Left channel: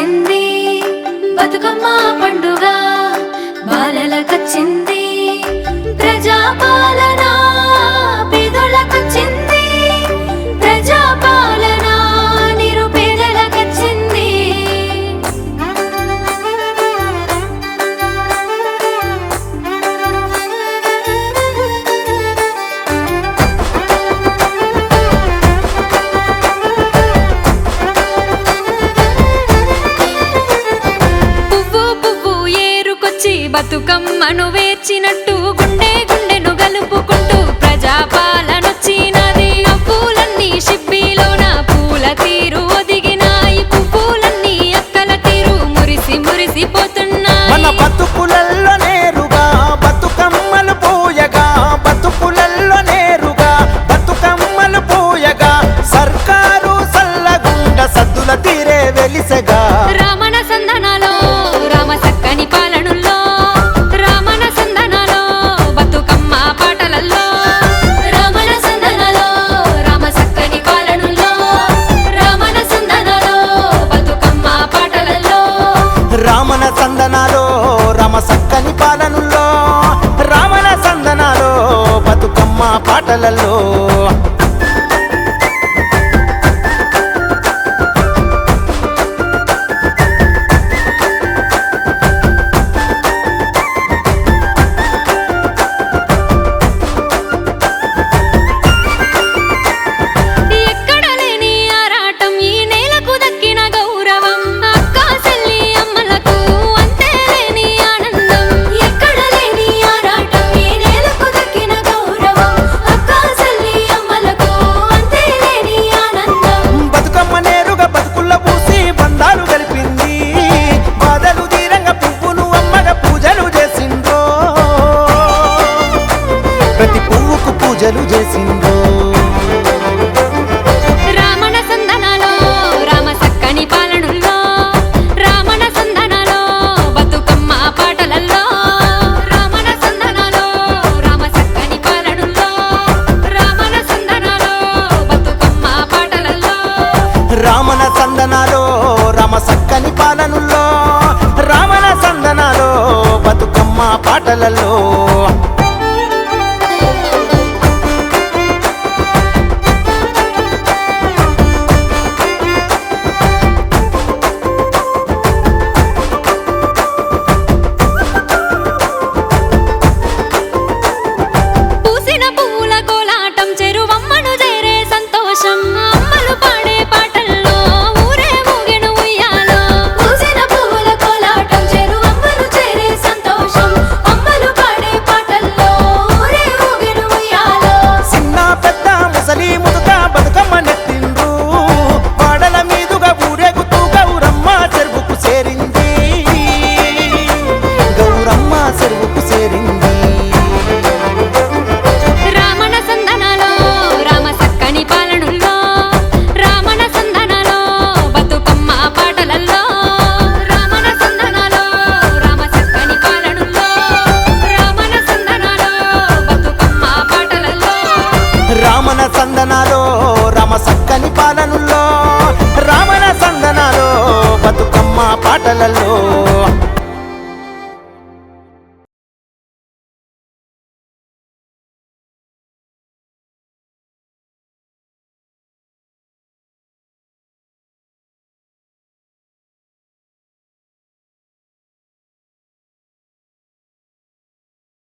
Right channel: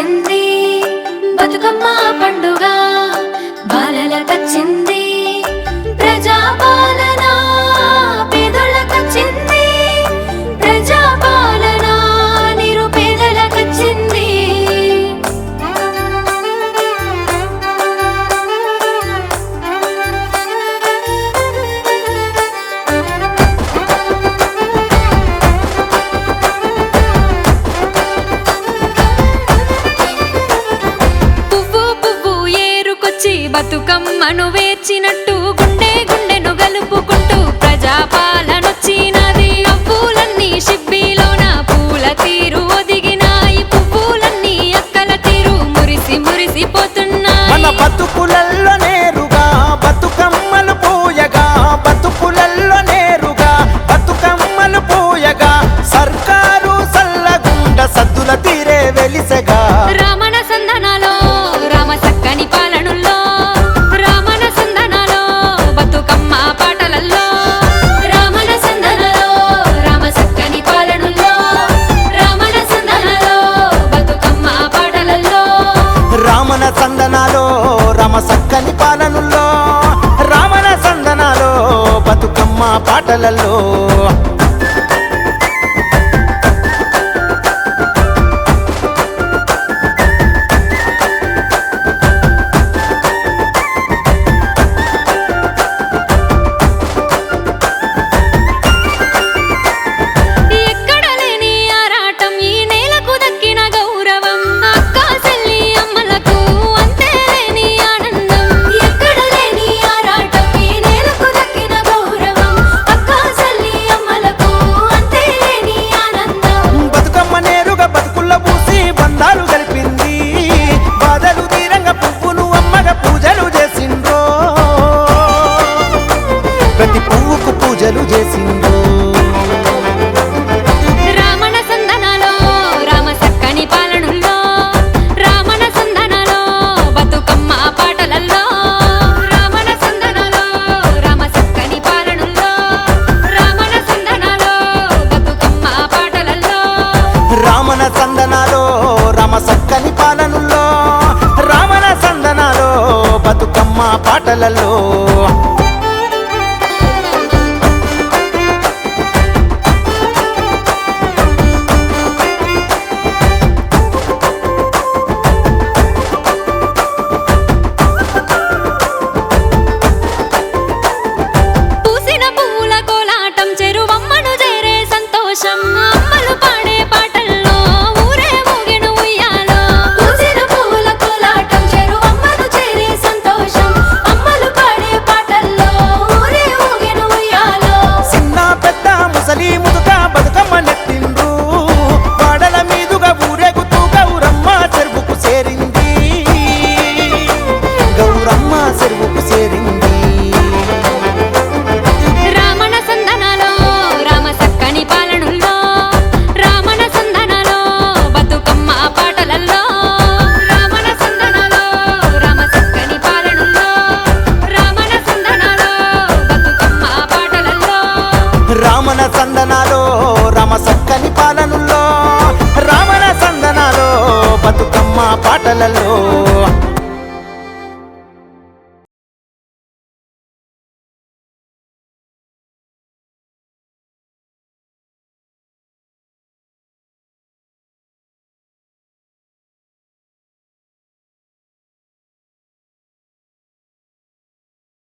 వచ్చింది బతుకమ్మ పండుగ బాలలకొచ్చింది ప్రజాపాలన పేదోళ్ళకొచ్చింది ప్రజాపాలన నిరుపేదలకొచ్చింది బతుకమ్మను వేర్చినట్టు గుండె గుండెను గలుపుకుంటూ ప్రజాపాలనొచ్చినది నవ్వులన్నీ షిబ్బీలోన పూల తీరు ఒదిగినాయి పువ్వులన్నీ అక్కల తీరు మురిసి మురిసిపోతున్నాయి మన బతుకులల్లో నేరుగా బతుకమ్మలు పూయగా బతుకులల్లో నేరుగా బతుకమ్మలు పూయగా సర్కారు సల్లగుండ సద్దుల తీరే వెలిసెగా రామణ సందనాలో రామ సక్కని పాలనుల్లో రామణ సందనాలో బతుకమ్మ పాటలల్లో రామణ సందనాలో రామ సక్కని పాలనుల్లో రామణ సందనాలో బతుకమ్మ పాటలల్లో రామణ సందనాలో రామ సక్కని పాలనుల్లో రామణ సందనాలో బతుకమ్మ పాటలలో బతుకుల్ల పూసి బంధాలు గలిపింది బాధలు తీరంగా పువ్వును అమ్మగా పూజలు చేసిండ్రో ప్రతి పువ్వుకు పూజలు చేసిండ్రో రామణ సందనాలో రామ సక్కని పాలనుల్లో రామణ సందనాలో బతుకమ్మ పాటలల్లో రామణ సందనాలో రామ సక్కని పాలనుల్లో రామణ సందనాలో బతుకమ్మ పాటలల్లో రామణ సందనాలో రామ సక్కని పాలనుల్లో రామణ సందనాలో బతుకమ్మ పాటలలో పూసిన పువ్వుల కోలాటం చెరువమ్మను చేరే సంతోషం అమ్మలు పాడే పాటల్లో ఊరే ఊగెను ఉయ్యాలో పూసిన పువ్వుల కోలాటం చెరువమ్మను చేరే సంతోషం అమ్మలు పాడే పాటల్లో ఊరే ఊగెను ఉయ్యాలో చిన్న పెద్ద ముసలి ముదుక బతుకమ్మ నెత్తిండ్రు వాడల మీదుగా ఊరేగుతూ గౌరమ్మ చెరువుకు చేరింది గౌరమ్మ చెరువుకు చేరింది రామణ సందనాలో రామ సక్కని పాలనుల్లో రామణ సందనాలో బతుకమ్మ పాటలల్లో రామణ సందనాలో రామ సక్కని పాలనుల్లో రామణ సందనాలో బతుకమ్మ పాటలల్లో రామణ సందనాలో రామ సక్కని పాలనుల్లో రామణ సందనాలో బతుకమ్మ పాటలలో